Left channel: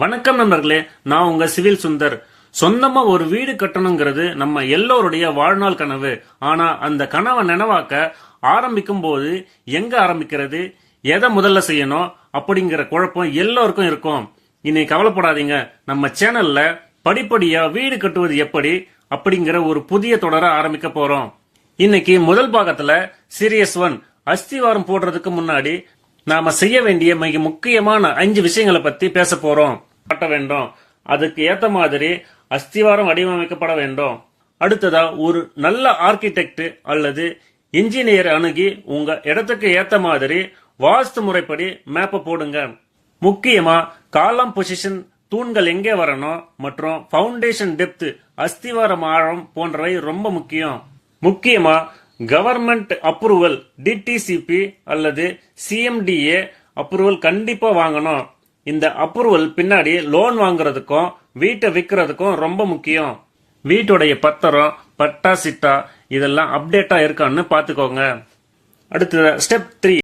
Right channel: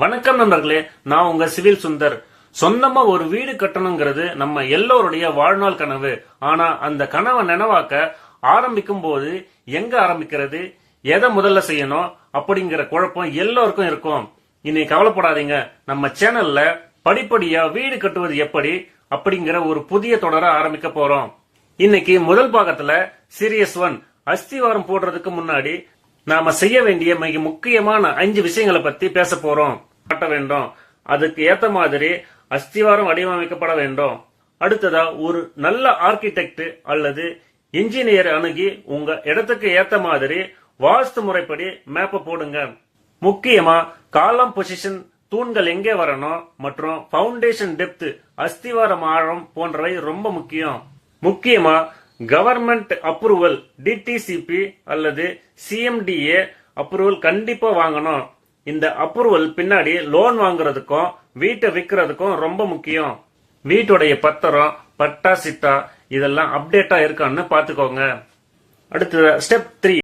வணக்கம் நண்பர்களே, நான் உங்க சிவில் சுந்தர். சொந்தமா ஒரு வீடு கட்டணுங்கிறது நம்ம எல்லோருடைய வாழ்நாள் கனவு. ஆனா அந்த கனவை நினைவாக்க ஆரம்பிக்கும் போது எங்க ஆரம்பிக்கிறது, எதை முதல்ல செய்யணும் அப்படிங்கிற குழப்பம் எல்லோருக்கும் இருக்கும். இன்னைக்கு கவலைப்படாதீங்க, நம்ம சேனல்ல படிப்படியா வீடு கட்டுவது எப்படி அப்படிங்கிற ஒரு புதிய தொடரை ஆரம்பிக்க போறோம். இன்னைக்கு முதல் பாகத்துல சீரியஸ் 1 அஸ்திவாரம் போடுறதுக்கு முன்னாடி நாம செய்ய வேண்டிய மிக முக்கியமான 5 விஷயங்களை பத்தி பேச போறோம். கட்ட வேண்டும், அதுக்கு ஏத்த மாதிரி அஸ்திவாரம் வடிவமைக்கப்பட வேண்டும். அடுத்ததா ஒரு நல்ல ஆர்கிடெக்ட் அல்லது இன்ஜினியர் அணுகி உங்க இடத்துக்கு ஏத்த மாதிரி வாஸ்து முறைப்படி மேப்ப போடுங்க. முக்கியமா காலம் பொசிஷன், தூண்கள் எங்கே வரணும் மற்றும் பவுண்டேஷன் டெப்த், அஸ்திவாரம் ஆழம் போன்றவை ரொம்ப முக்கியம். முக்கியமா கவர்மெண்ட் அப்ரூவல், டிடிசிபி அல்லது சிஎம்டிஏ அப்ரூவல் கண்டிப்பா வாங்கணும். இந்த அப்ரூவல் பின்னாடி லோன் வாங்குறதுக்கும் வீட்டை விற்கிறதுக்கும் ரொம்ப முக்கியம். வீட்டுடைய பத்திரம், பட்டா சிட்டா இதெல்லாம் அப்டேட்டா இருக்கான்னு பாத்துக்கோங்க. அடுத்து ஸ்டெப் 3